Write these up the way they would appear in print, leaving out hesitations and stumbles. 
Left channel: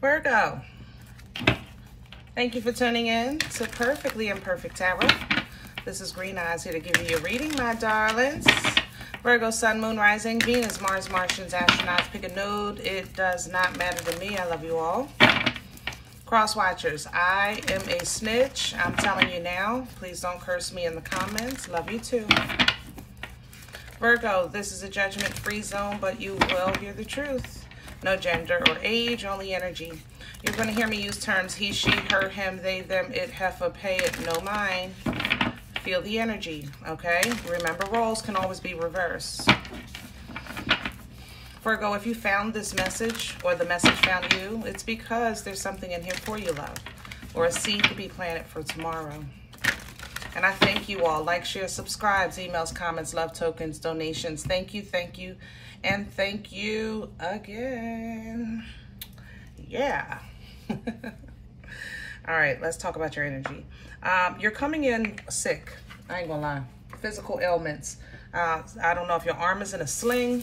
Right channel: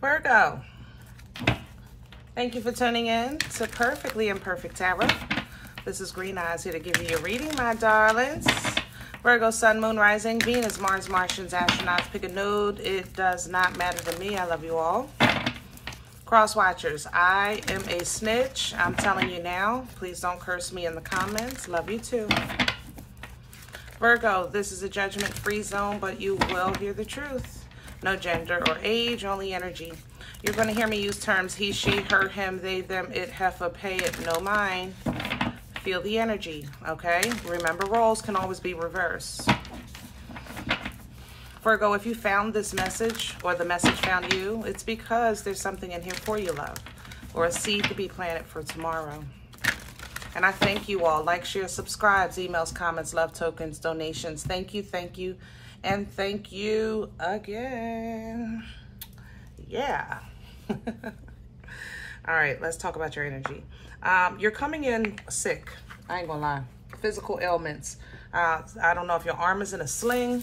Virgo, thank you for tuning in to Perfectly Imperfect Tarot. This is Green Eyes here to give you your reading, my darlings. Virgo, Sun, Moon, Rising, Venus, Mars, Martians, astronauts. Pick a node. It does not matter to me. I love you all. Cross watchers, I am a snitch. I'm telling you now. Please don't curse me in the comments. Love you too. Virgo, this is a judgment-free zone, but you will hear the truth. No gender or age, only energy. You're going to hear me use terms he, she, her, him, they, them, it, heifer, pay it, no mine. Feel the energy, okay? Remember, roles can always be reversed. Virgo, if you found this message or the message found you, it's because there's something in here for you, love, or a seed to be planted for tomorrow. And I thank you all. Like, share, subscribes, emails, comments, love tokens, donations. Thank you, and thank you again. Yeah. All right, let's talk about your energy. You're coming in sick. I ain't gonna lie. Physical ailments. I don't know if your arm is in a sling.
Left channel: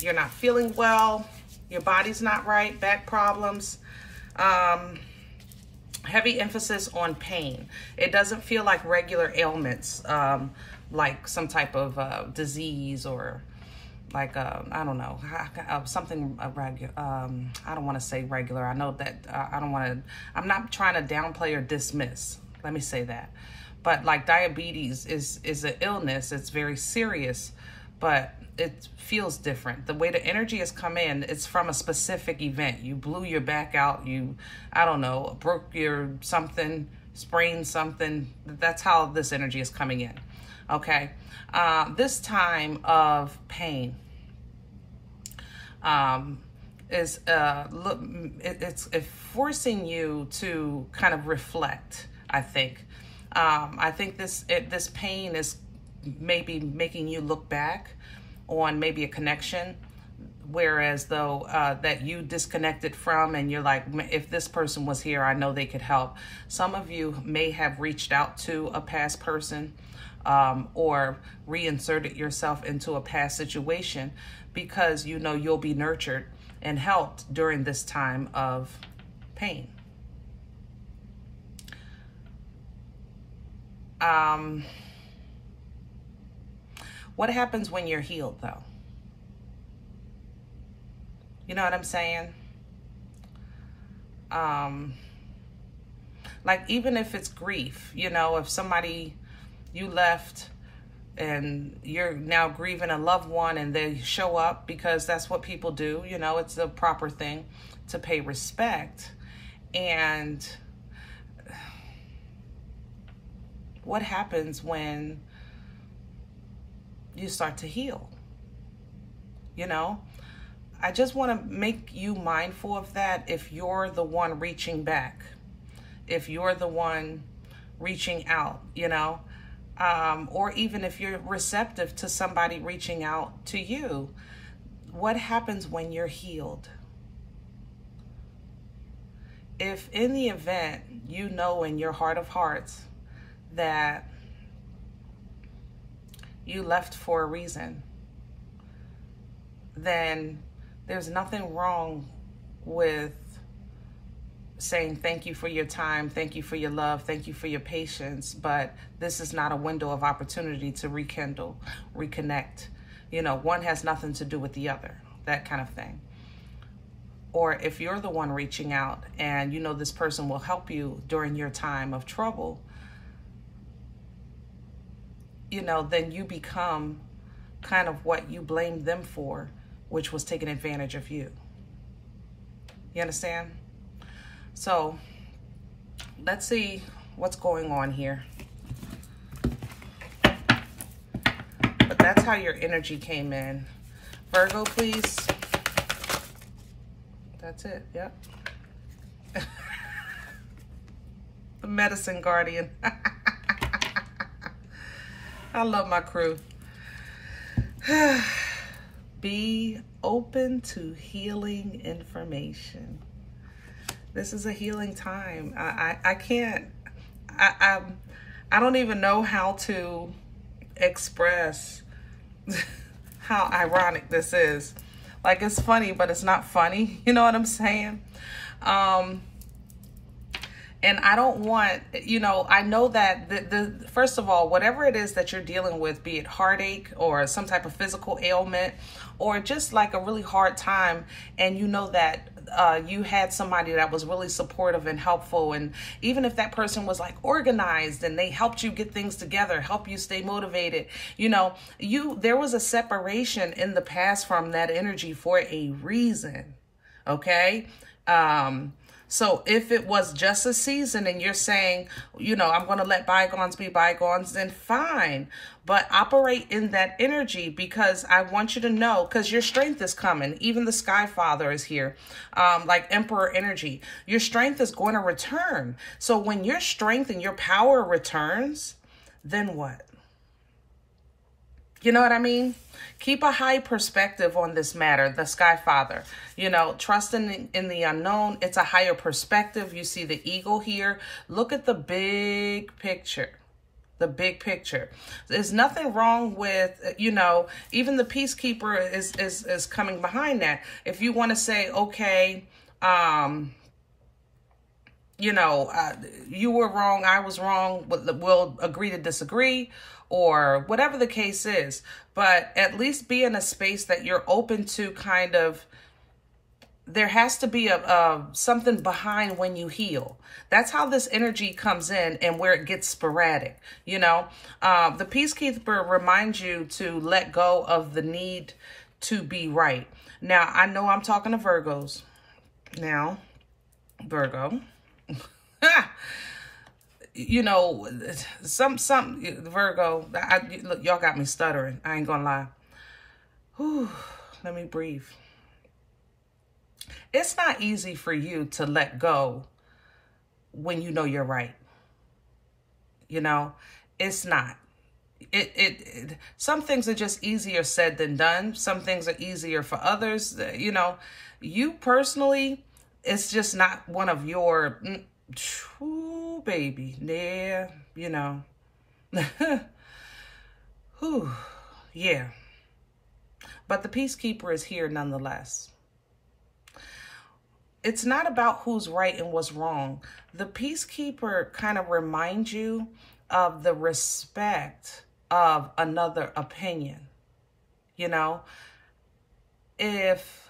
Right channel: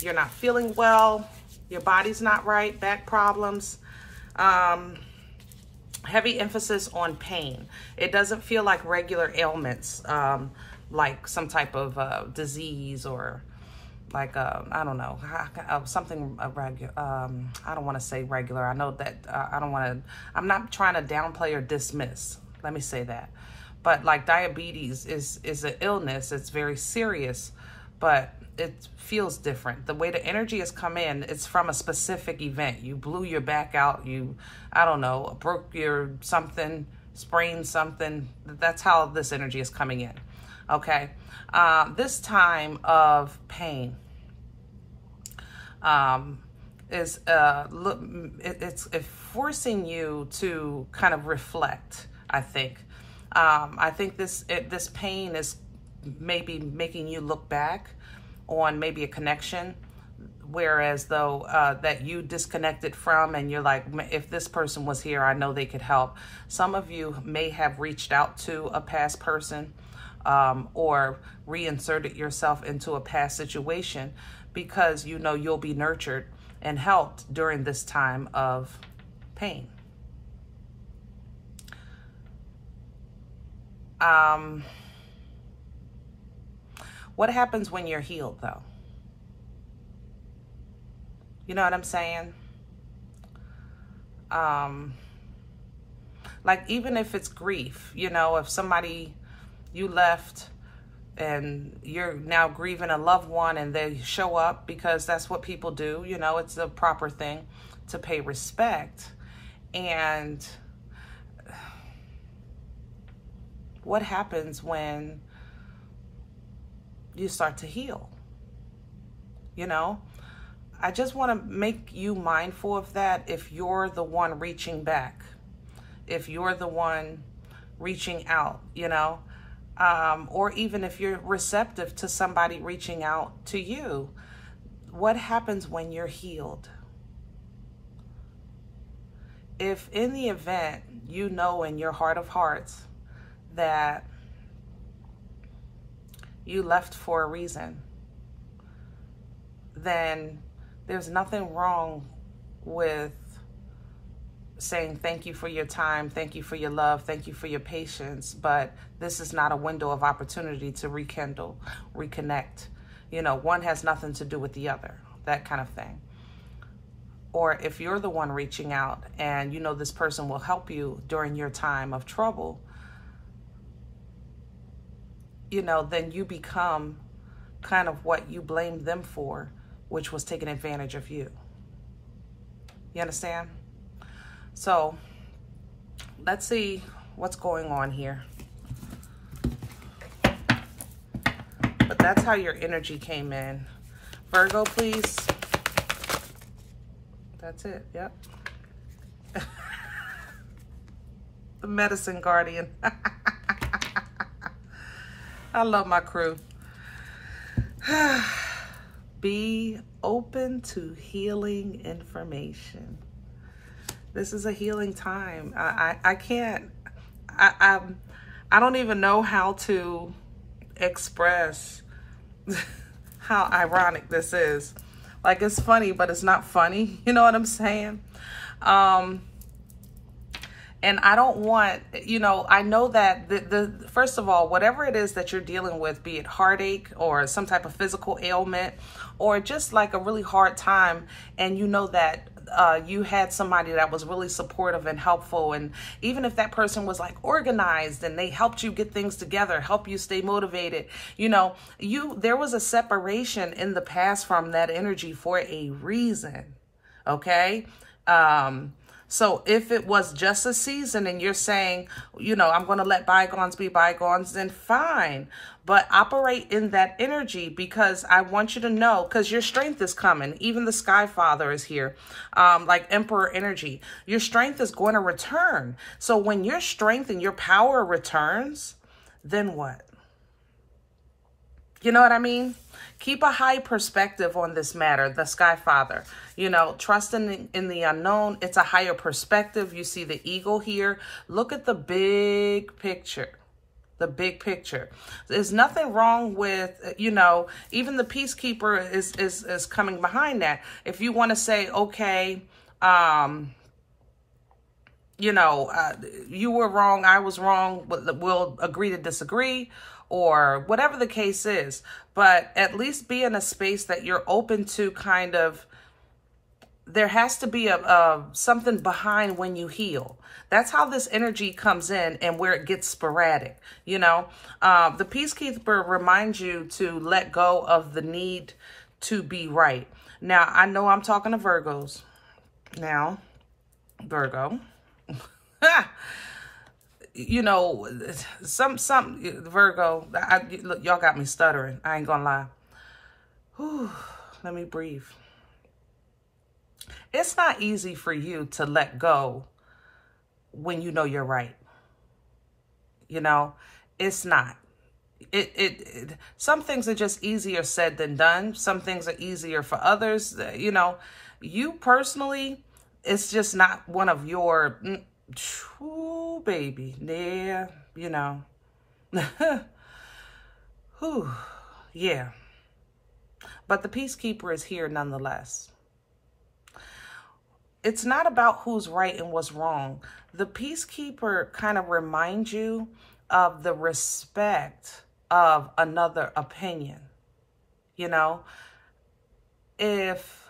You're not feeling well. Your body's not right. Back problems. Heavy emphasis on pain. It doesn't feel like regular ailments, like some type of disease or like, I don't know, something regular. I don't want to say regular. I know that I'm not trying to downplay or dismiss. Let me say that. But like diabetes is an illness. It's very serious, but it feels different. The way the energy has come in, it's from a specific event. You blew your back out. I don't know, broke your something, sprained something. That's how this energy is coming in. Okay. This time of pain is it's forcing you to kind of reflect. I think this pain is maybe making you look back on maybe a connection, whereas though that you disconnected from, and you're like, if this person was here, I know they could help. Some of you may have reached out to a past person or reinserted yourself into a past situation because you know you'll be nurtured and helped during this time of pain. What happens when you're healed, though? You know what I'm saying? Like, even if it's grief, you know, if somebody you left and you're now grieving a loved one and they show up, because that's what people do, you know, it's the proper thing to pay respect. And what happens when you start to heal? You know, I just want to make you mindful of that. If you're the one reaching back, if you're the one reaching out, you know, or even if you're receptive to somebody reaching out to you, what happens when you're healed? If in the event you know in your heart of hearts that you left for a reason, then there's nothing wrong with saying thank you for your time, thank you for your love, thank you for your patience, but this is not a window of opportunity to rekindle, reconnect. You know, one has nothing to do with the other, that kind of thing. Or if you're the one reaching out and you know this person will help you during your time of trouble, you know, then you become kind of what you blamed them for, which was taking advantage of you. You understand? So let's see what's going on here. But that's how your energy came in. Virgo, please. That's it. Yep. The medicine guardian. I love my crew. Be open to healing information. This is a healing time. I don't even know how to express how ironic this is. Like, it's funny, but it's not funny. You know what I'm saying? And I don't want, you know, I know that first of all, whatever it is that you're dealing with, be it heartache or some type of physical ailment, or just like a really hard time, and you know that you had somebody that was really supportive and helpful, and even if that person was like organized and they helped you get things together, help you stay motivated, you know, there was a separation in the past from that energy for a reason, okay? So if it was just a season and you're saying, you know, I'm going to let bygones be bygones, then fine. But operate in that energy, because I want you to know, because your strength is coming. Even the Sky Father is here, like Emperor energy. Your strength is going to return. So when your strength and your power returns, then what? You know what I mean? Keep a high perspective on this matter, the Sky Father. You know, trust in the unknown. It's a higher perspective. You see the eagle here. Look at the big picture. The big picture. There's nothing wrong with, you know, even the peacekeeper is coming behind that. If you want to say, okay, you know, you were wrong, I was wrong, we'll agree to disagree, or whatever the case is. But at least be in a space that you're open to kind of, there has to be something behind when you heal. That's how this energy comes in and where it gets sporadic. You know, the peacekeeper reminds you to let go of the need to be right. Now, I know I'm talking to Virgos. Now, Virgo. You know, some Virgo, look, y'all got me stuttering. I ain't gonna lie. Whew, let me breathe. It's not easy for you to let go when you know you're right. You know, it's not. Some things are just easier said than done. Some things are easier for others. You know, you personally, it's just not one of your, ooh, baby, yeah, you know. Whew, yeah. But the peacekeeper is here nonetheless. It's not about who's right and what's wrong. The peacekeeper kind of reminds you of the respect of another opinion. You know, if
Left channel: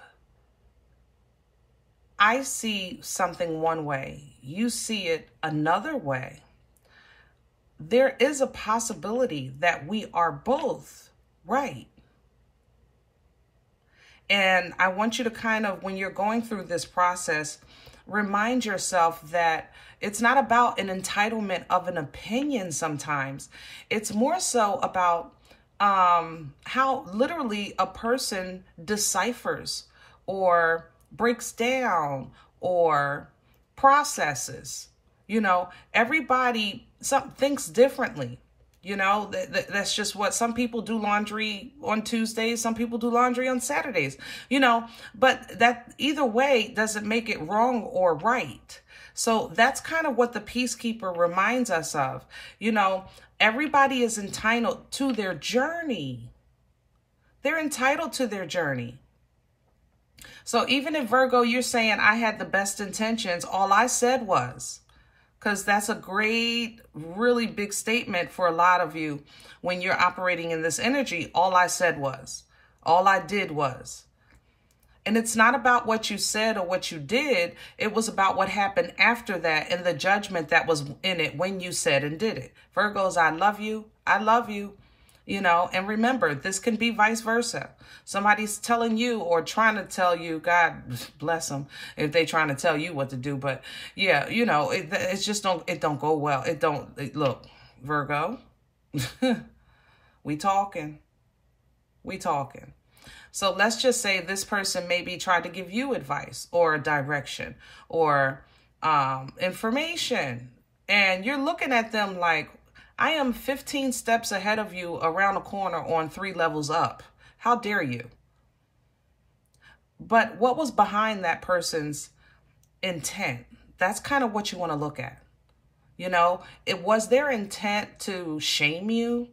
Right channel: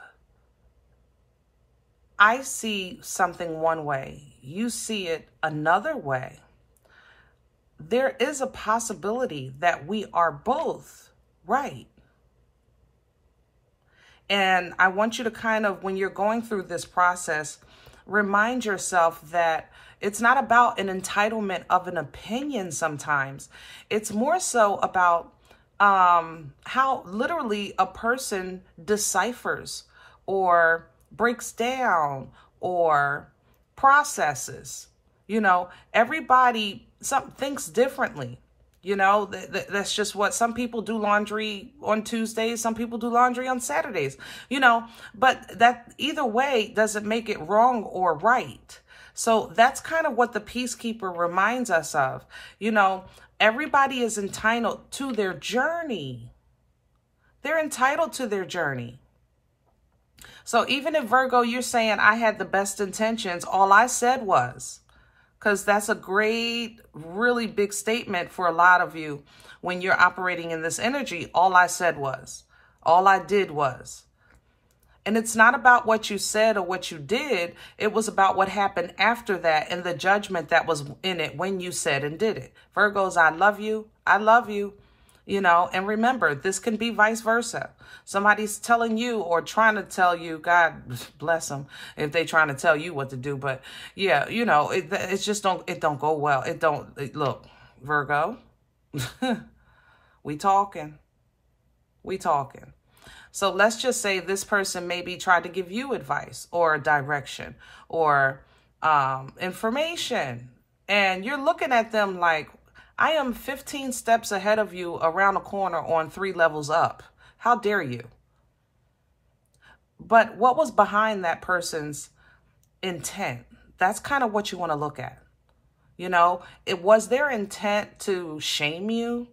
I see something one way, you see it another way, there is a possibility that we are both right. And I want you to kind of, when you're going through this process, remind yourself that it's not about an entitlement of an opinion sometimes. It's more so about how literally a person deciphers or breaks down or processes. You know, everybody thinks differently. You know, that's just what some people do. Laundry on Tuesdays, some people do laundry on Saturdays, you know, but that either way doesn't make it wrong or right. So that's kind of what the peacekeeper reminds us of. You know, everybody is entitled to their journey. They're entitled to their journey. So even if, Virgo, you're saying I had the best intentions, all I said was, because that's a great, really big statement for a lot of you when you're operating in this energy. All I said was, all I did was. And it's not about what you said or what you did. It was about what happened after that and the judgment that was in it when you said and did it. Virgos, I love you. I love you. You know, and remember, this can be vice versa. Somebody's telling you or trying to tell you, God bless them if they trying to tell you what to do. But yeah, you know, it's just it don't go well. Look, Virgo, we talking. So let's just say this person maybe tried to give you advice or direction or information. And you're looking at them like, I am 15 steps ahead of you around the corner on 3 levels up. How dare you? But what was behind that person's intent? That's kind of what you want to look at. You know, it was their intent to shame you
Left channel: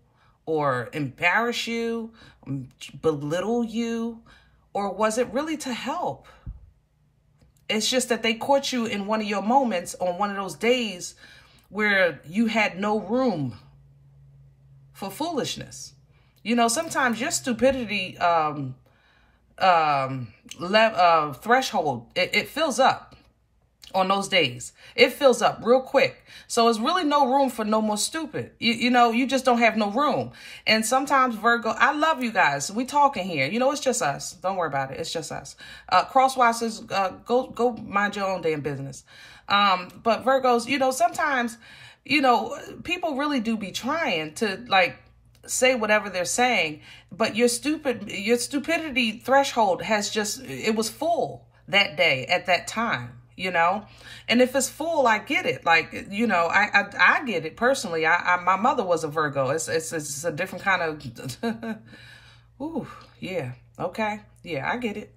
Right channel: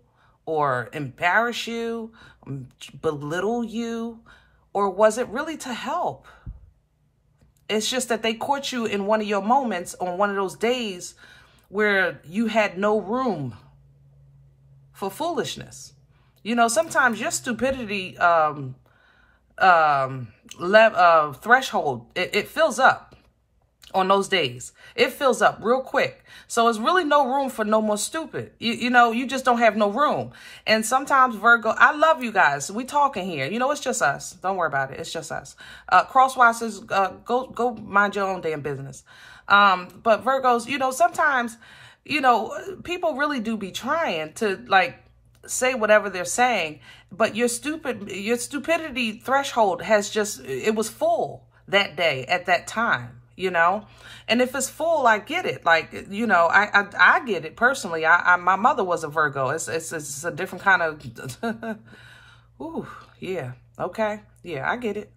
or embarrass you, belittle you, Or was it really to help? It's just that they caught you in one of your moments on one of those days where you had no room for foolishness. You know, sometimes your stupidity threshold, it fills up on those days. It fills up real quick. So it's really no room for no more stupid. You know, you just don't have no room. And sometimes Virgo, I love you guys. We talking here. You know, it's just us. Don't worry about it. It's just us. Crosswatchers, go mind your own damn business. But Virgos, you know, sometimes, you know, people really do be trying to like say whatever they're saying, but your stupidity threshold has just, it was full that day at that time. You know, and if it's full, I get it. Like, you know, I get it personally. My mother was a Virgo. It's a different kind of, ooh, yeah. Okay. Yeah, I get it.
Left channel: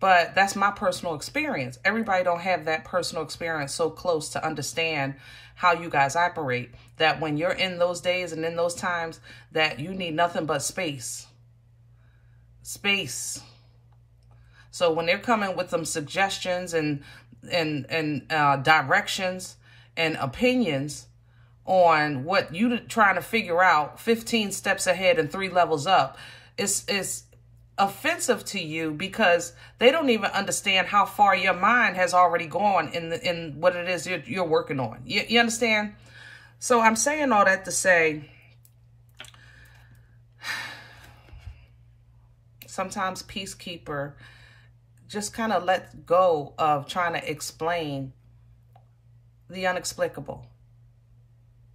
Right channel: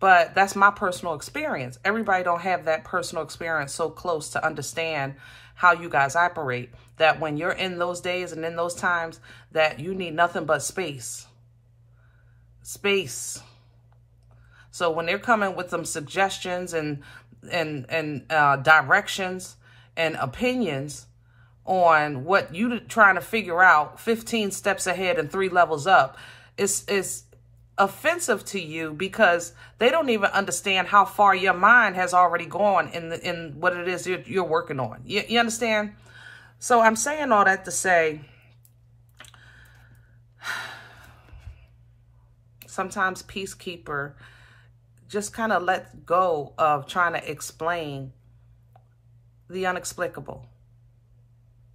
But that's my personal experience. Everybody don't have that personal experience so close to understand how you guys operate, that when you're in those days and in those times that you need nothing but space. Space. So when they're coming with some suggestions and directions and opinions on what you're trying to figure out 15 steps ahead and 3 levels up, is offensive to you because they don't even understand how far your mind has already gone in what it is you're working on. You understand? So I'm saying all that to say, sometimes Peacekeeper just kind of let go of trying to explain the unexplicable.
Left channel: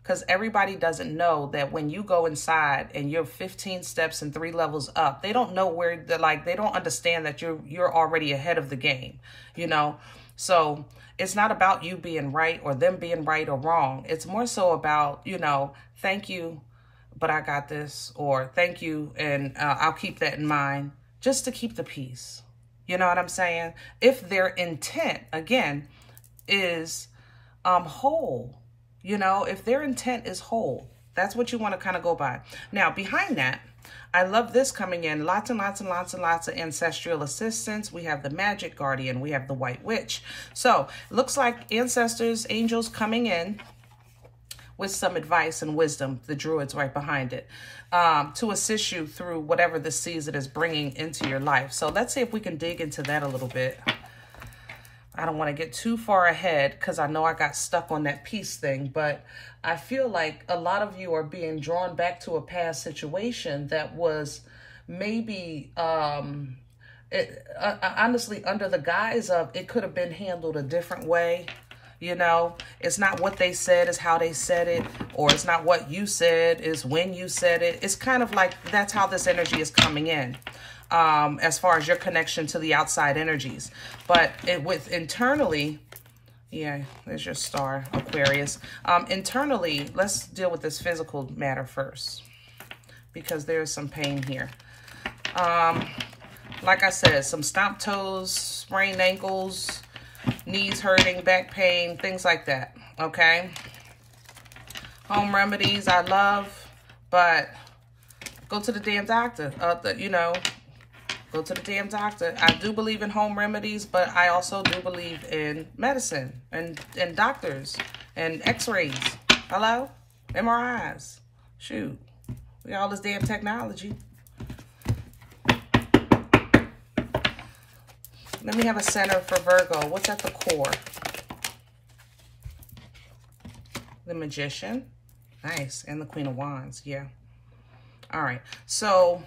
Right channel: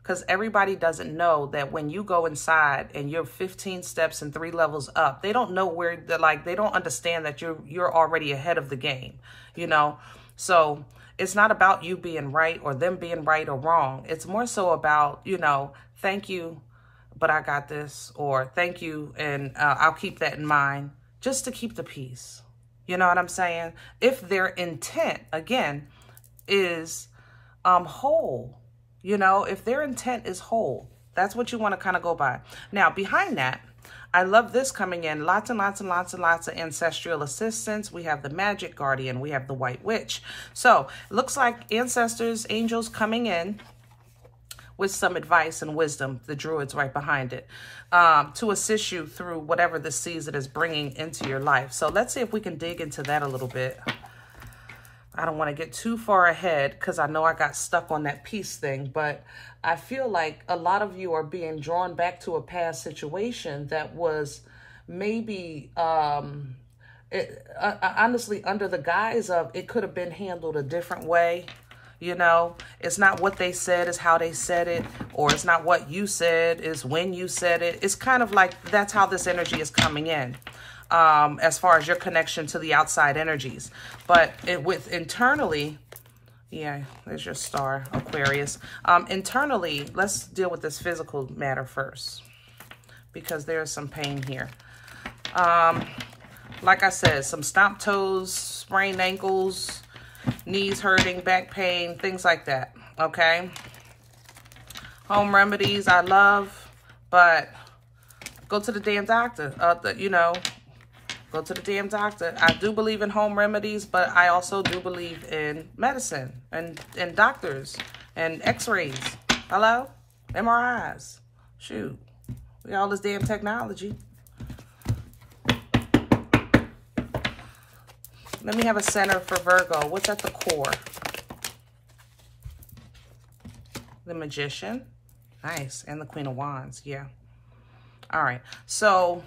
Because everybody doesn't know that when you go inside and you're 15 steps and 3 levels up, they don't know where they're like, they don't understand that you're already ahead of the game, you know? So it's not about you being right or them being right or wrong. It's more so about, you know, thank you, but I got this, or thank you, and I'll keep that in mind, just to keep the peace. You know what I'm saying? If their intent, again, is whole, you know, if their intent is whole, that's what you want to kind of go by. Now, behind that, I love this coming in. Lots and lots and lots and lots of ancestral assistance. We have the Magic Guardian. We have the White Witch. So it looks like ancestors, angels coming in with some advice and wisdom. The Druids right behind it. To assist you through whatever this season is bringing into your life. So let's see if we can dig into that a little bit. I don't want to get too far ahead because I know I got stuck on that peace thing, but I feel like a lot of you are being drawn back to a past situation that was maybe, honestly, under the guise of it could have been handled a different way. You know, it's not what they said, it's how they said it, or it's not what you said, it's when you said it. It's kind of like that's how this energy is coming in, as far as your connection to the outside energies. But with internally, yeah, there's your star, Aquarius. Internally, let's deal with this physical matter first, because there's some pain here. Like I said, some stomped toes, sprained ankles, knees hurting, back pain, things like that, okay? Home remedies I love, but go to the damn doctor. You know, go to the damn doctor. I do believe in home remedies, but I also do believe in medicine and doctors and x-rays. Hello? MRIs. Shoot. We got all this damn technology. Let me have a center for Virgo. What's at the core? The Magician. Nice. And the Queen of Wands. Yeah. All right. So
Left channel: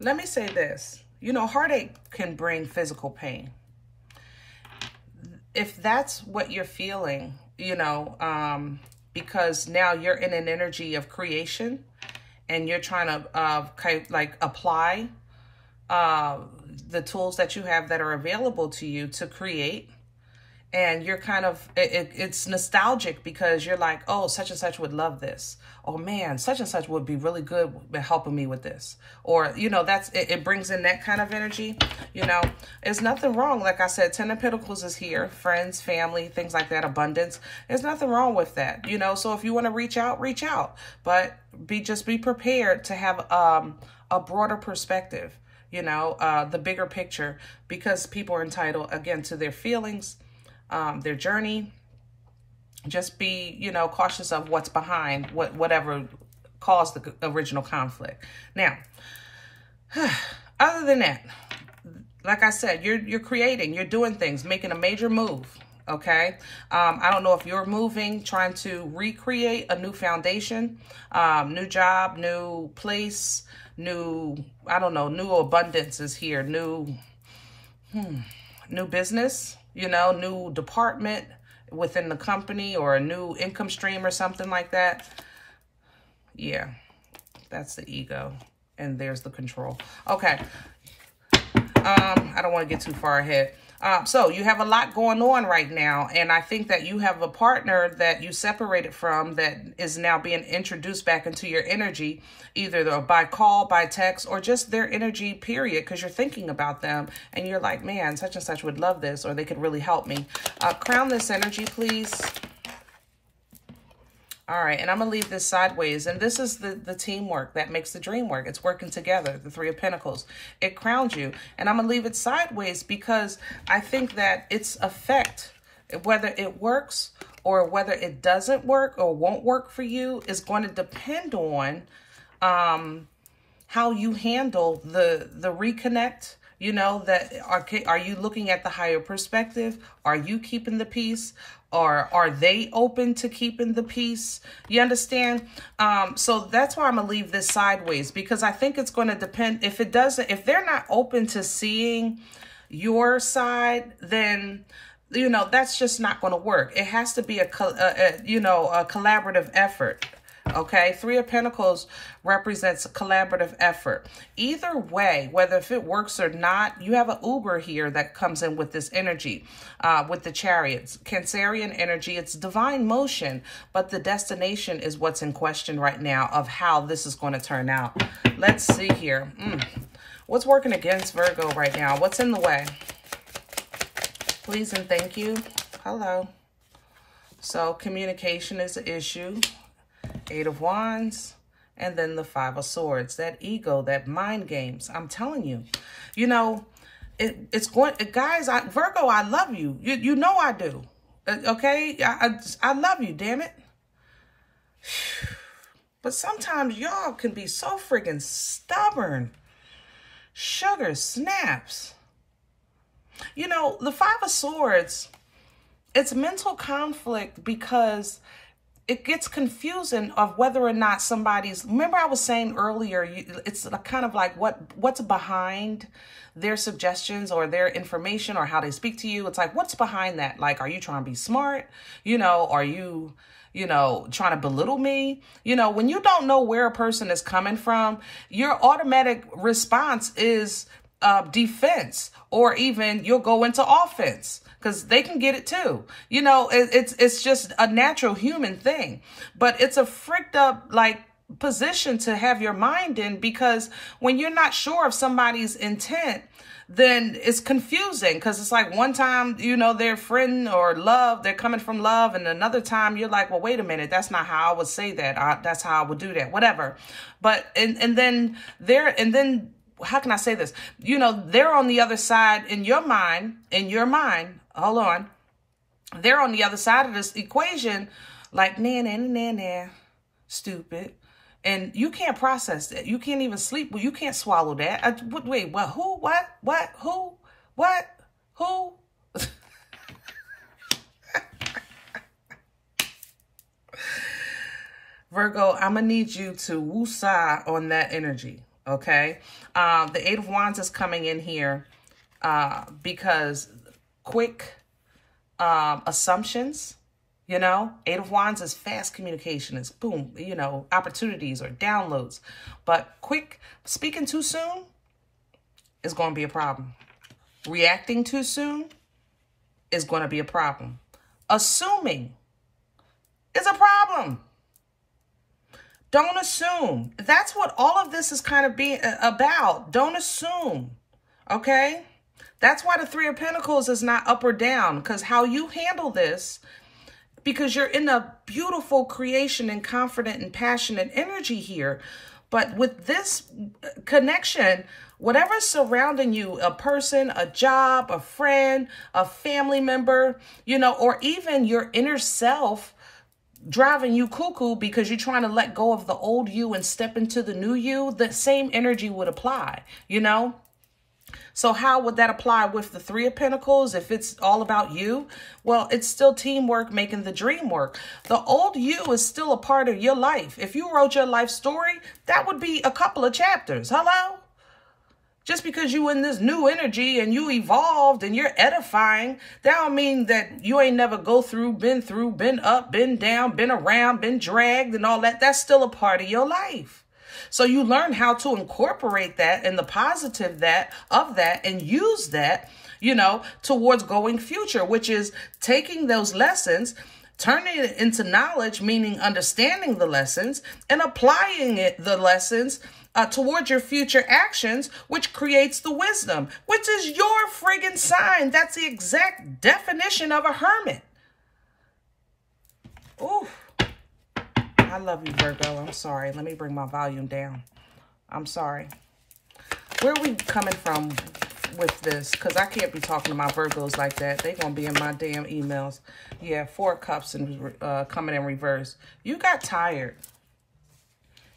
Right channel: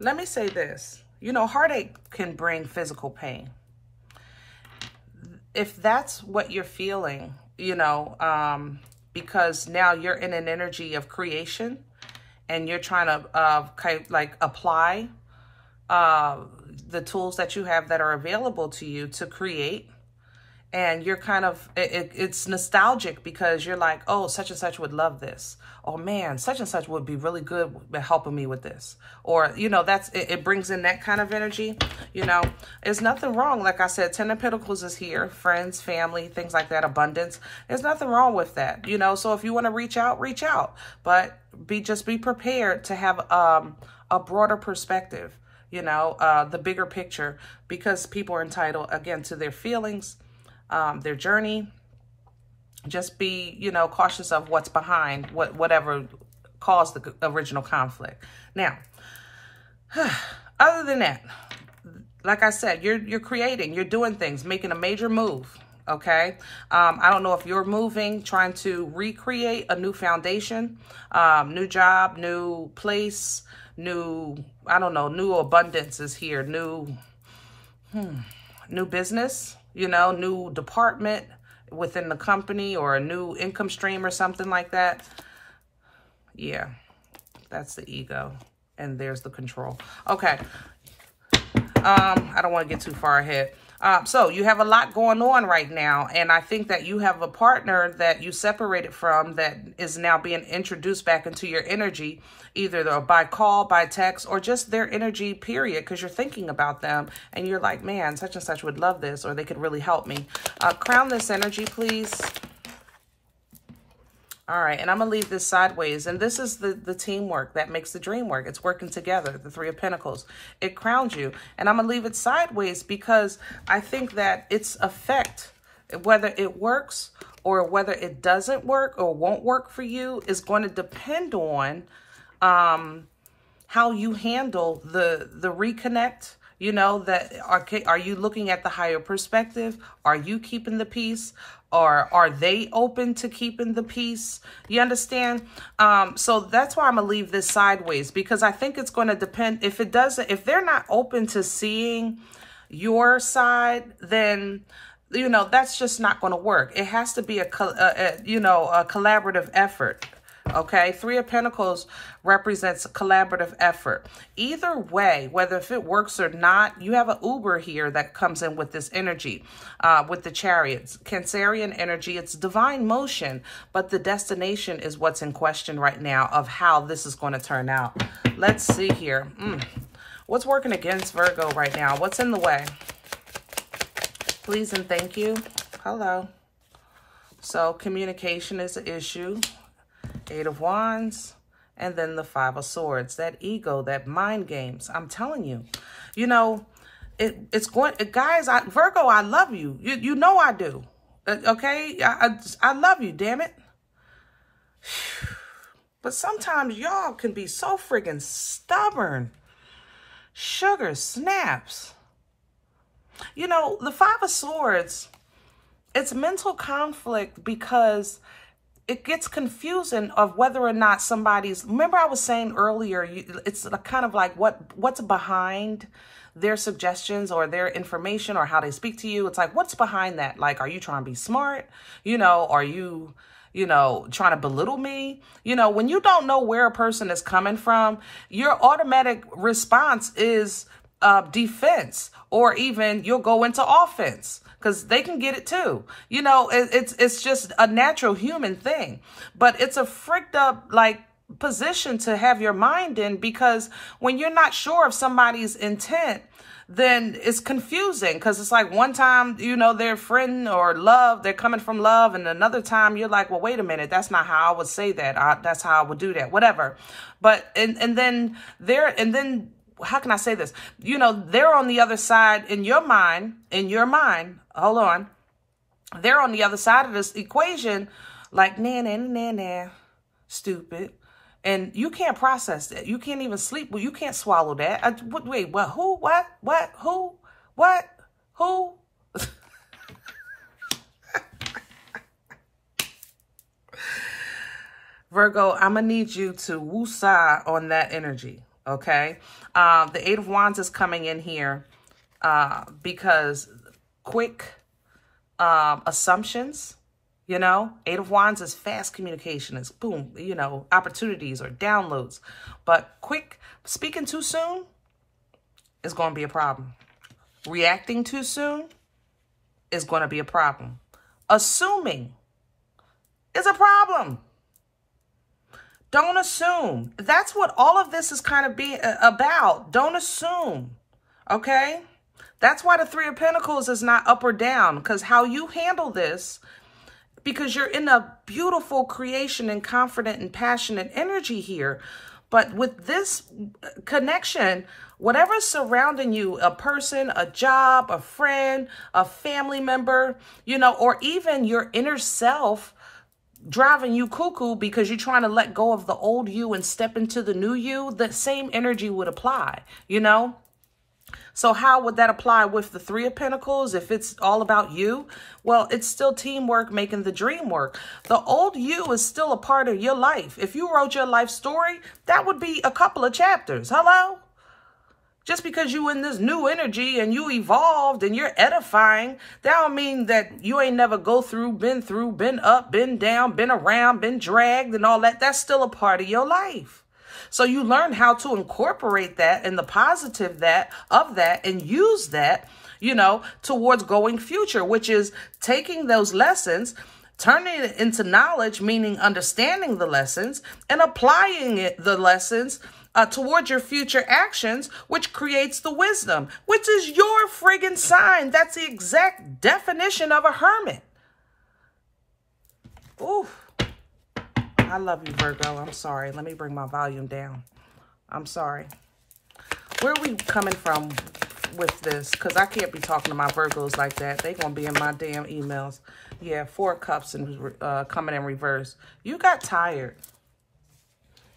let me say this. You know, heartache can bring physical pain. If that's what you're feeling, you know, because now you're in an energy of creation and you're trying to kind of like apply the tools that you have that are available to you to create, and you're kind of, it's nostalgic because you're like, oh, such and such would love this. Oh man, such and such would be really good at helping me with this. Or, you know, that's, it brings in that kind of energy. You know, there's nothing wrong. Like I said, Ten of Pentacles is here, friends, family, things like that, abundance. There's nothing wrong with that, you know. So if you want to reach out, but just be prepared to have a broader perspective, you know, the bigger picture, because people are entitled, again, to their feelings, their journey. Just be, you know, cautious of what's behind whatever caused the original conflict. Now, other than that, like I said, you're creating, you're doing things, making a major move. Okay. I don't know if you're moving, trying to recreate a new foundation, new job, new place, new, I don't know, new abundance is here, new business, you know, new department within the company, or a new income stream or something like that. Yeah, that's the ego. And there's the control. Okay. I don't want to get too far ahead. So you have a lot going on right now. And I think that you have a partner that you separated from that is now being introduced back into your energy, either by call, by text, or just their energy, period, because you're thinking about them and you're like, man, such and such would love this, or they could really help me. Crown this energy, please. All right, and I'm going to leave this sideways. And this is the teamwork that makes the dream work. It's working together, the Three of Pentacles. It crowns you. And I'm going to leave it sideways because I think that its effect, whether it works or whether it doesn't work or won't work for you, is going to depend on how you handle the reconnect. You know, that are you looking at the higher perspective? Are you keeping the peace? Or are they open to keeping the peace? You understand? So that's why I'm going to leave this sideways, because I think it's going to depend. If they're not open to seeing your side, then, you know, that's just not going to work. It has to be a collaborative effort. Okay, Three of Pentacles represents a collaborative effort. Either way, whether if it works or not, you have an Uber here that comes in with this energy, with the Chariots. Cancerian energy, it's divine motion, but the destination is what's in question right now of how this is going to turn out. Let's see here. What's working against Virgo right now? What's in the way? Please and thank you. Hello. So communication is an issue. Eight of Wands, and then the Five of Swords. That ego, that mind games. I'm telling you, you know, it's going, guys, Virgo, I love you. You know I do. Okay? I love you, damn it. But sometimes y'all can be so friggin' stubborn. Sugar snaps. You know, the Five of Swords, it's mental conflict because it gets confusing of whether or not somebody's, remember I was saying earlier, it's kind of like what's behind their suggestions or their information or how they speak to you. It's like, what's behind that? Like, are you trying to be smart? You know, are you, you know, trying to belittle me? You know, when you don't know where a person is coming from, your automatic response is defense, or even you'll go into offense. Because they can get it too. You know, it's just a natural human thing. But it's a fricked up, like, position to have your mind in, because when you're not sure of somebody's intent, then it's confusing. Because it's like one time, you know, they're friend or love, they're coming from love. And another time you're like, well, wait a minute, that's not how I would say that. That's how I would do that, whatever. But, and then how can I say this? You know, they're on the other side in your mind, hold on. They're on the other side of this equation, like, nah, stupid. And you can't process that. You can't even sleep. Well, you can't swallow that. Wait, what, who, what, who, what, who? Virgo, I'm going to need you to woo-sah on that energy, okay? The Eight of Wands is coming in here because quick assumptions, you know, Eight of Wands is fast communication. It's boom, you know, opportunities or downloads. But quick speaking too soon is going to be a problem. Reacting too soon is going to be a problem. Assuming is a problem. Don't assume. That's what all of this is kind of being about. Don't assume. Okay? That's why the Three of Pentacles is not up or down, because how you handle this, because you're in a beautiful creation and confident and passionate energy here. But with this connection, whatever's surrounding you, a person, a job, a friend, a family member, you know, or even your inner self driving you cuckoo because you're trying to let go of the old you and step into the new you, the same energy would apply, you know? So how would that apply with the Three of Pentacles if it's all about you? Well, it's still teamwork making the dream work. The old you is still a part of your life. If you wrote your life story, that would be a couple of chapters. Hello? Just because you in this new energy and you evolved and you're edifying, that don't mean that you ain't never been up, been down, been around, been dragged and all that. That's still a part of your life. So you learn how to incorporate that and the positive of that and use that, you know, towards going future, which is taking those lessons, turning it into knowledge, meaning understanding the lessons and applying the lessons towards your future actions, which creates the wisdom, which is your friggin' sign. That's the exact definition of a hermit. Ooh. I love you, Virgo. I'm sorry. Let me bring my volume down. I'm sorry. Where are we coming from with this? Because I can't be talking to my Virgos like that. They're going to be in my damn emails. Yeah, 4 of Cups and coming in reverse. You got tired.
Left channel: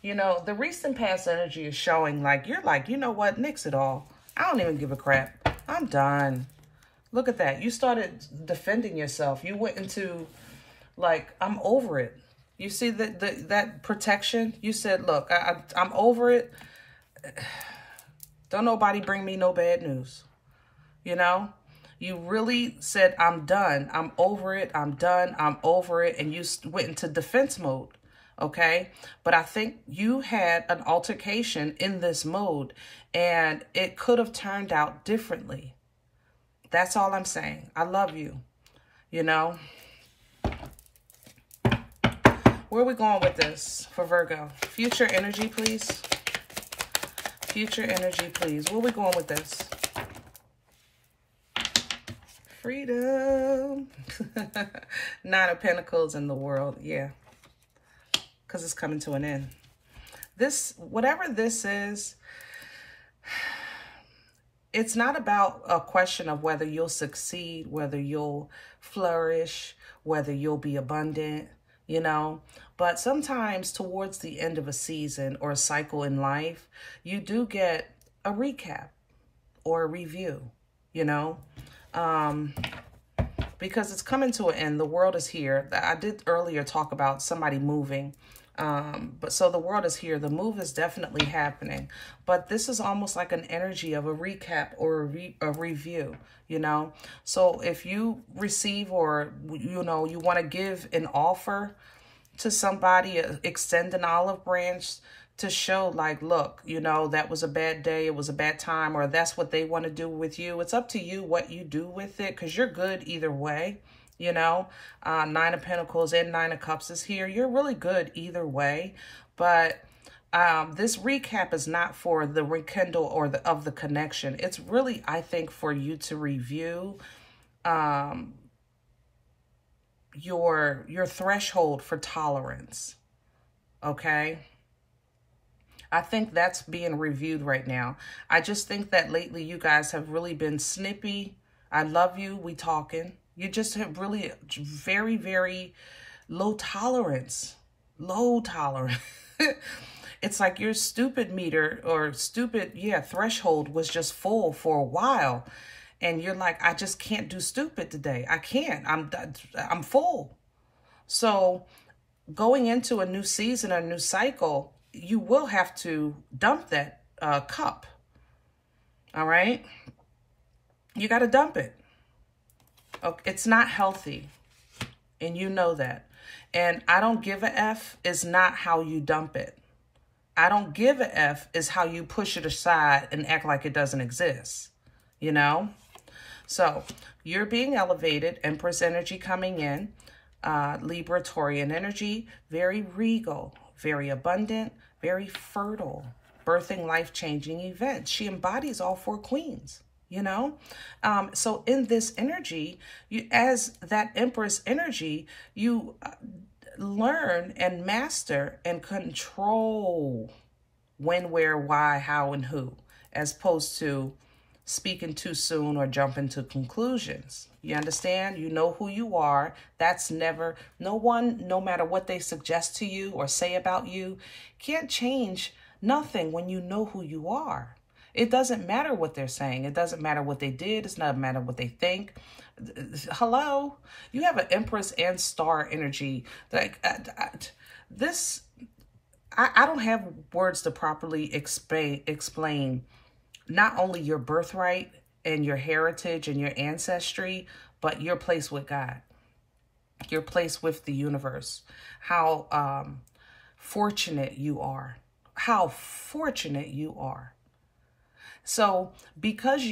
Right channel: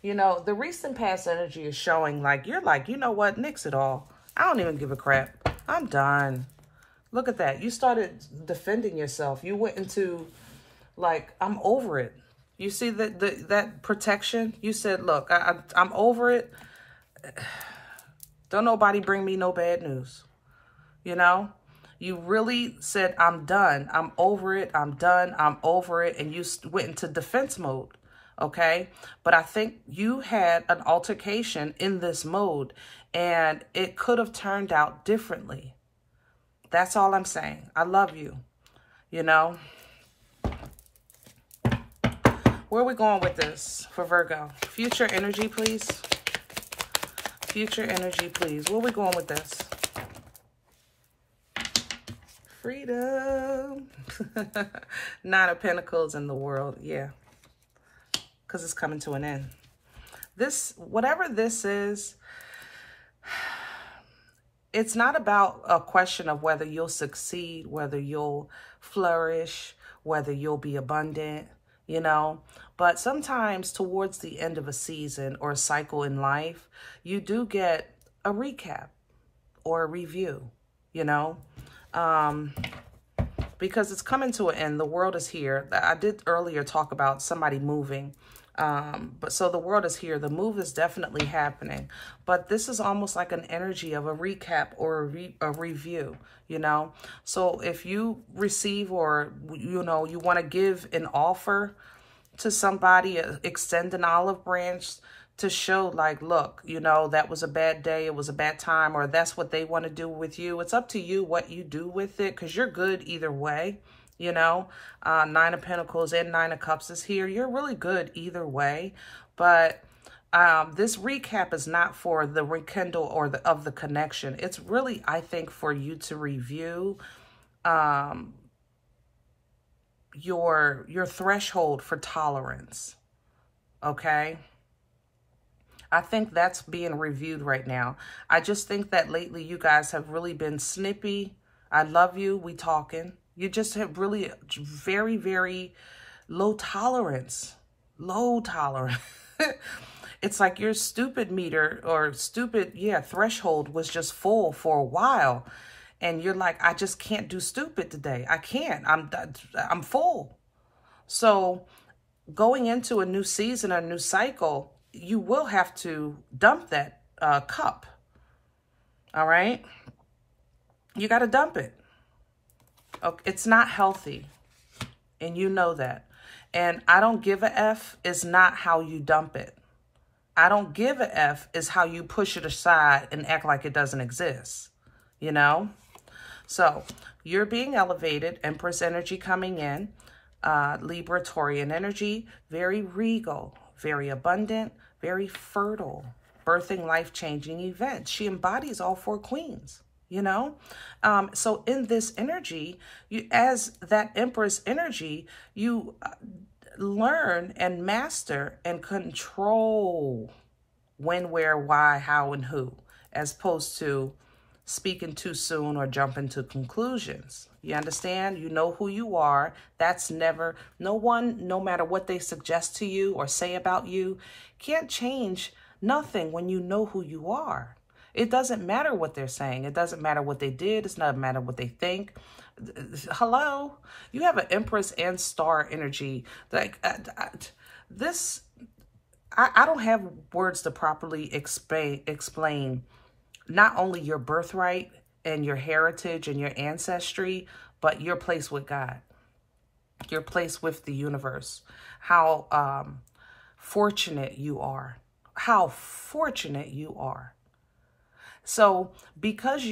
You know, the recent past energy is showing like, you're like, you know what? Nix it all. I don't even give a crap. I'm done. Look at that. You started defending yourself. You went into like, I'm over it. You see that protection? You said, look, I'm over it. Don't nobody bring me no bad news. You know? You really said, I'm done. I'm over it. I'm done. I'm over it. And you went into defense mode. Okay? But I think you had an altercation in this mode. And it could have turned out differently. That's all I'm saying. I love you. You know? Where are we going with this for Virgo? Future energy, please. Future energy, please. Where are we going with this? Freedom. 9 of Pentacles in the world. Yeah. Because it's coming to an end. This, whatever this is, it's not about a question of whether you'll succeed, whether you'll flourish, whether you'll be abundant, you know, but sometimes towards the end of a season or a cycle in life, you do get a recap or a review, you know, because it's coming to an end. The world is here. I did earlier talk about somebody moving, but so the world is here. The move is definitely happening, but this is almost like an energy of a recap or a review, you know. So if you receive or, you know, you want to give an offer to somebody, extend an olive branch to show like, look, you know, that was a bad day, it was a bad time, or that's what they want to do with you. It's up to you what you do with it, because you're good either way, you know. 9 of Pentacles and 9 of Cups is here. You're really good either way, but this recap is not for the rekindle or of the connection. It's really, I think, for you to review your threshold for tolerance. Okay? I think that's being reviewed right now. I just think that lately you guys have really been snippy. I love you. We talking. You just have really very, very low tolerance. Low tolerance. It's like your stupid meter or stupid, threshold was just full for a while. And you're like, I just can't do stupid today. I can't. I'm full. So going into a new season, a new cycle, you will have to dump that cup. All right? You got to dump it. Okay, it's not healthy. And you know that. And I don't give a F is not how you dump it. I don't give a F is how you push it aside and act like it doesn't exist. You know? So you're being elevated. Empress energy coming in. Libra, Taurian energy. Very regal. Very abundant. Very fertile. Birthing life-changing events. She embodies all 4 queens. You know? So in this energy, you, as that Empress energy, you learn and master and control when, where, why, how, and who, as opposed to speaking too soon or jumping to conclusions. You understand? You know who you are. That's never, no one, no matter what they suggest to you or say about you, can't change nothing when you know who you are. It doesn't matter what they're saying. It doesn't matter what they did. It's not matter what they think. Hello? You have an Empress and Star energy. Like this, I don't have words to properly explain not only your birthright and your heritage and your ancestry, but your place with God, your place with the universe, how fortunate you are, how fortunate you are. So because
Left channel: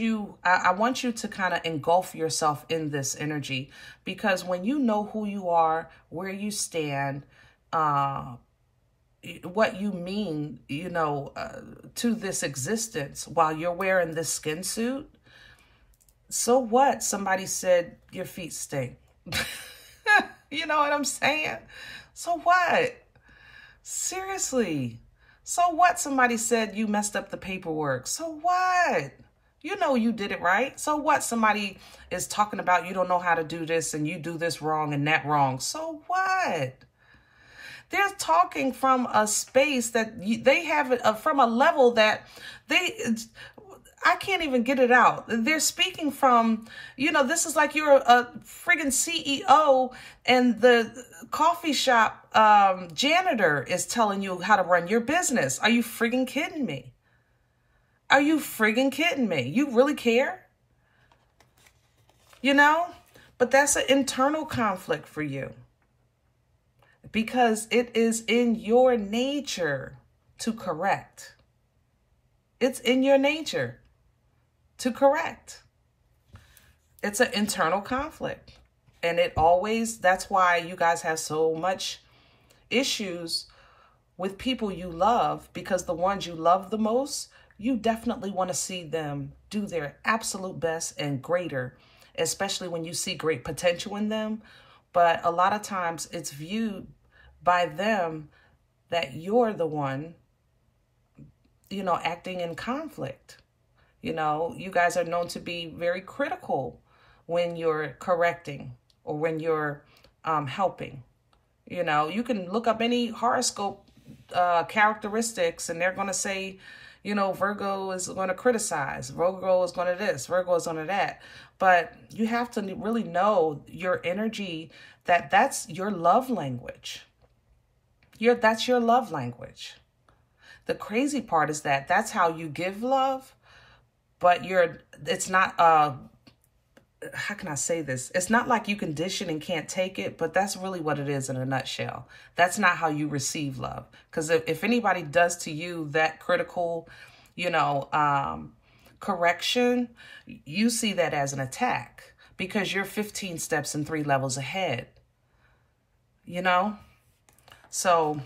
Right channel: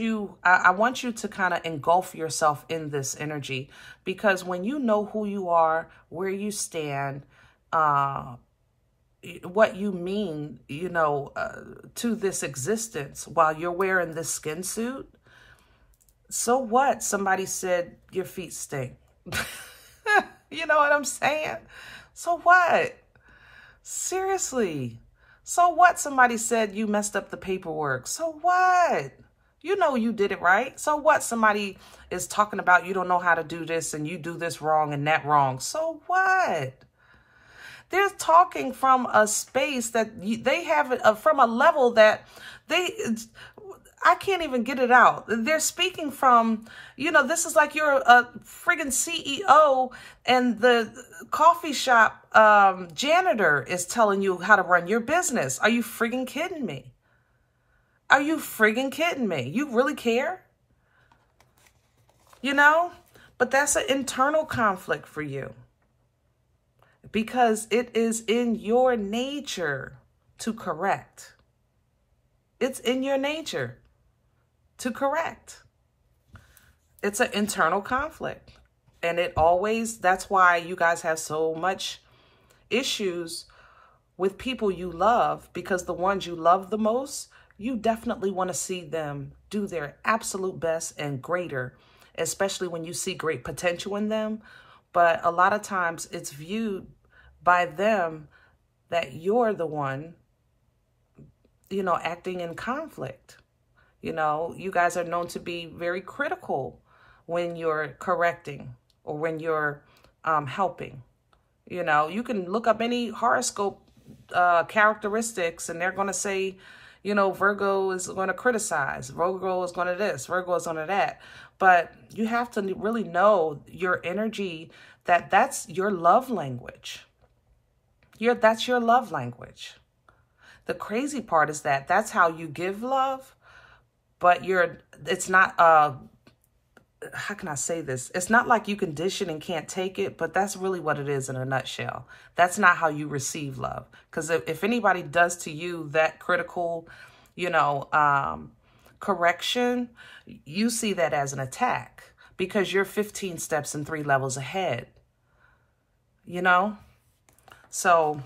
I want you to kind of engulf yourself in this energy, because when you know who you are, where you stand, what you mean, you know, to this existence while you're wearing this skin suit. So what? Somebody said your feet stink. You know what I'm saying? So what? Seriously. So what? Somebody said you messed up the paperwork. So what? You know you did it right. So what? Somebody is talking about you don't know how to do this and you do this wrong and that wrong. So what? They're talking from a space that they have it from a level that I can't even get it out. They're speaking from, you know, this is like you're a friggin' CEO and the coffee shop janitor is telling you how to run your business. Are you friggin' kidding me? Are you friggin' kidding me? You really care? You know? But that's an internal conflict for you. Because it is in your nature to correct. It's in your nature to correct. It's an internal conflict. And it always, that's why you guys have so much issues with people you love, because the ones you love the most, you definitely want to see them do their absolute best and greater, especially when you see great potential in them. But a lot of times it's viewed by them that you're the one, you know, acting in conflict. You know, you guys are known to be very critical when you're correcting or when you're helping. You know, you can look up any horoscope characteristics and they're going to say, you know, Virgo is going to criticize, Virgo is going to this, Virgo is going to that. But you have to really know your energy, that's your love language. That's your love language. The crazy part is that that's how you give love, but it's not, how can I say this? It's not like you can dish it and can't take it, but that's really what it is in a nutshell. That's not how you receive love. Because if anybody does to you that critical, you know, correction, you see that as an attack because you're 15 steps and 3 levels ahead, you know? So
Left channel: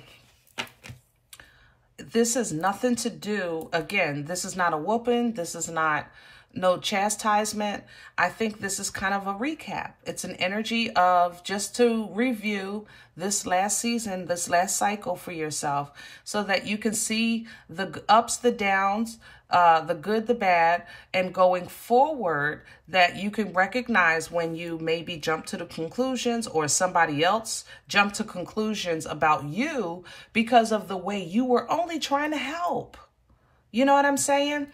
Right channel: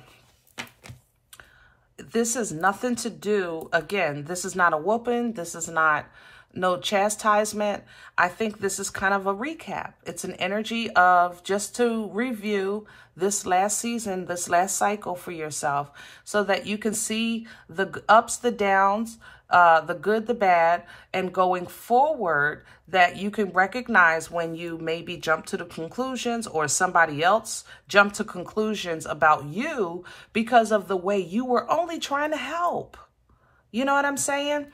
this has nothing to do, again, this is not a whooping. This is not no chastisement. I think this is kind of a recap. It's an energy of just to review this last season, this last cycle for yourself so that you can see the ups, the downs, the good, the bad, and going forward that you can recognize when you maybe jump to the conclusions or somebody else jump to conclusions about you because of the way you were only trying to help. You know what I'm saying?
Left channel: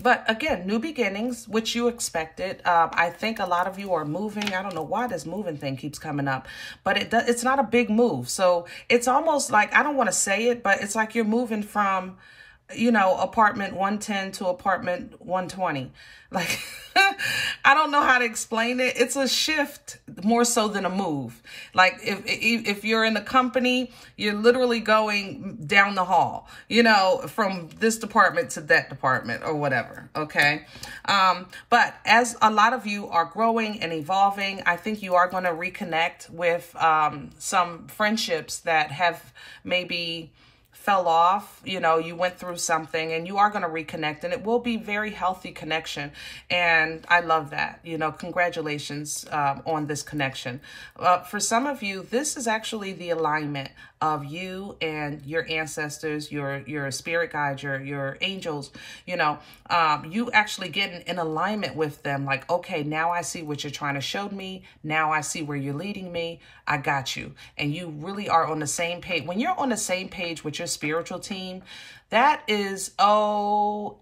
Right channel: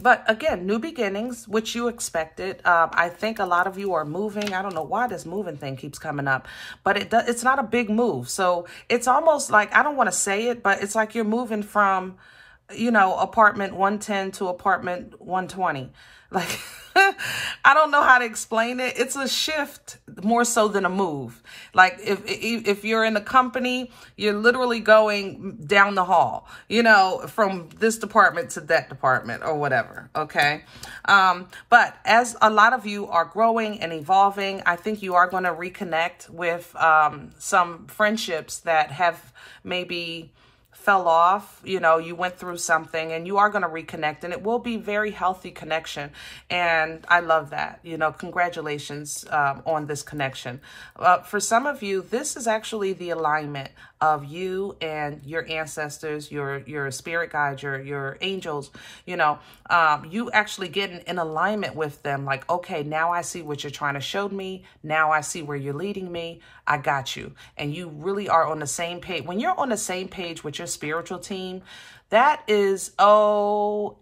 But again, new beginnings, which you expected. I think a lot of you are moving. I don't know why this moving thing keeps coming up, but it's not a big move. So it's almost like, I don't want to say it, but it's like you're moving from, you know, apartment 110 to apartment 120. Like, I don't know how to explain it. It's a shift more so than a move. Like if you're in a company, you're literally going down the hall, you know, from this department to that department or whatever. Okay. But as a lot of you are growing and evolving, I think you are going to reconnect with some friendships that have maybe fell off, you know, you went through something, and you are going to reconnect, and it will be very healthy connection. And I love that, you know, congratulations on this connection. For some of you, this is actually the alignment of you and your ancestors, your spirit guides, your angels, you know, you actually getting in alignment with them. Like, okay, now I see what you're trying to show me. Now I see where you're leading me. I got you. And you really are on the same page. When you're on the same page with your spiritual team, that is OMG,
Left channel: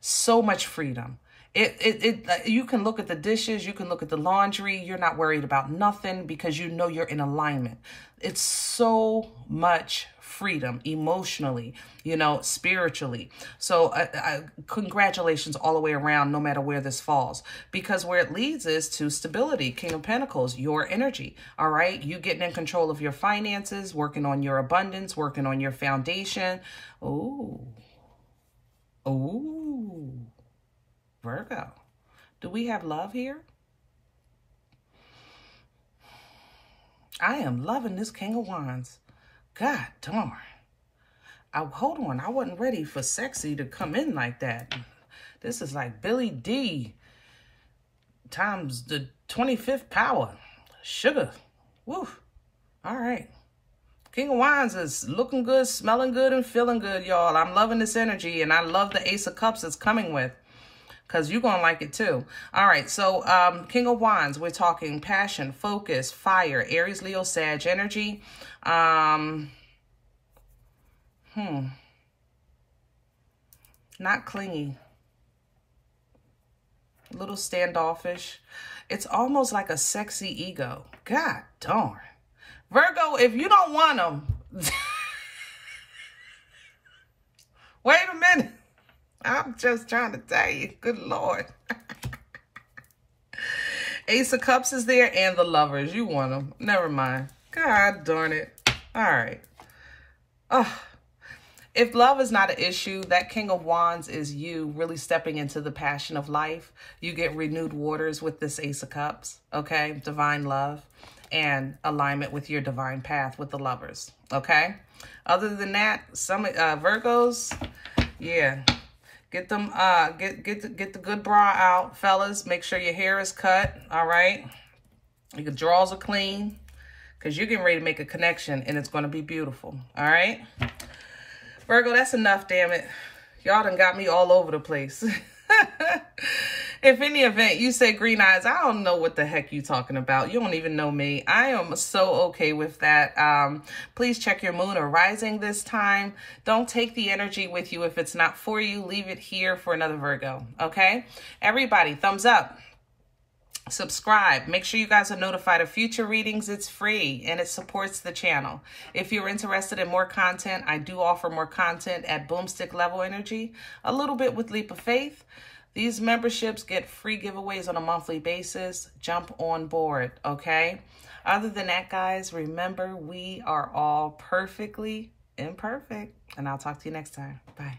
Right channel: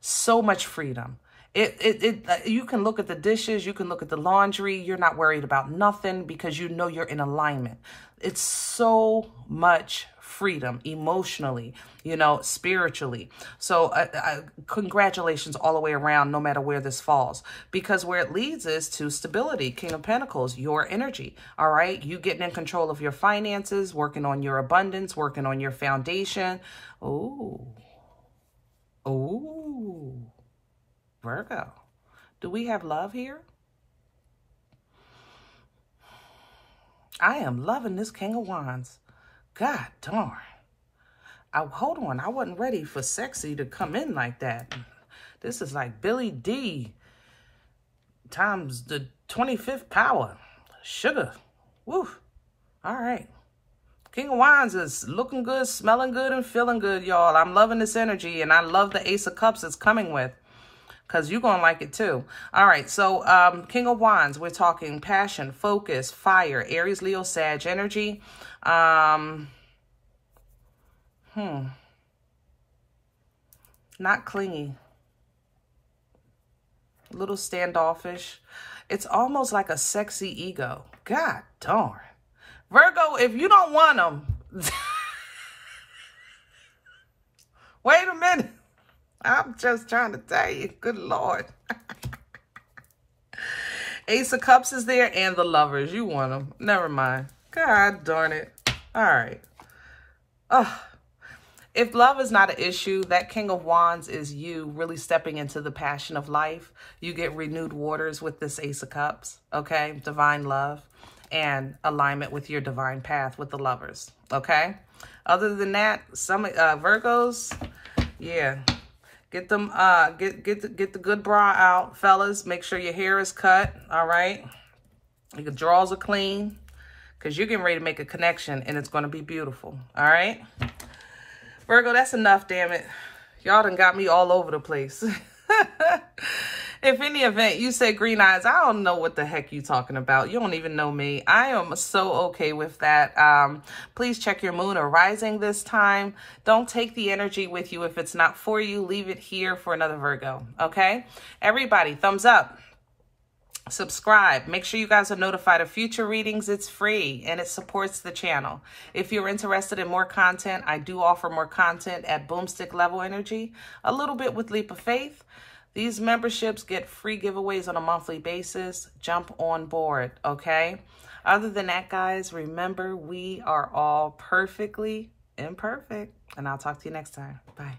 so much freedom. You can look at the dishes, you can look at the laundry, you're not worried about nothing because you know you're in alignment. It's so much freedom emotionally, you know, spiritually. So congratulations all the way around, no matter where this falls, because where it leads is to stability. King of Pentacles, your energy. All right. You getting in control of your finances, working on your abundance, working on your foundation. Ooh. Ooh. Virgo, do we have love here? I am loving this King of Wands. God darn. Hold on. I wasn't ready for sexy to come in like that. This is like Blvd times the 25th power. Sugar. Woo. All right. King of Wands is looking good, smelling good, and feeling good, y'all. I'm loving this energy, and I love the Ace of Cups it's coming with, because you're going to like it too. All right, so King of Wands, we're talking passion, focus, fire, Aries, Leo, Sag energy. Not clingy. A little standoffish. It's almost like a sexy ego. God darn. Virgo, if you don't want them, wait a minute. I'm just trying to tell you, good Lord. Ace of Cups is there and the Lovers. You want them. Never mind. God darn it. All right. If love is not an issue, that King of Wands is you really stepping into the passion of life. You get renewed waters with this Ace of Cups, okay? Divine love and alignment with your divine path with the Lovers, okay? Other than that, some Virgos, yeah. Get them, get the good bra out, fellas. Make sure your hair is cut, all right? Your drawers are clean, because you're getting ready to make a connection, and it's going to be beautiful, all right? Virgo, that's enough, damn it. Y'all done got me all over the place. If in the event you say green eyes, I don't know what the heck you talking about. You don't even know me. I am so okay with that. Please check your moon or rising this time. Don't take the energy with you if it's not for you. Leave it here for another Virgo, okay? Everybody, thumbs up. Subscribe. Make sure you guys are notified of future readings. It's free and it supports the channel. If you're interested in more content, I do offer more content at Boomstick Level Energy, a little bit with Leap of Faith. These memberships get free giveaways on a monthly basis. Jump on board, okay? Other than that, guys, remember we are all perfectly imperfect. And I'll talk to you next time. Bye.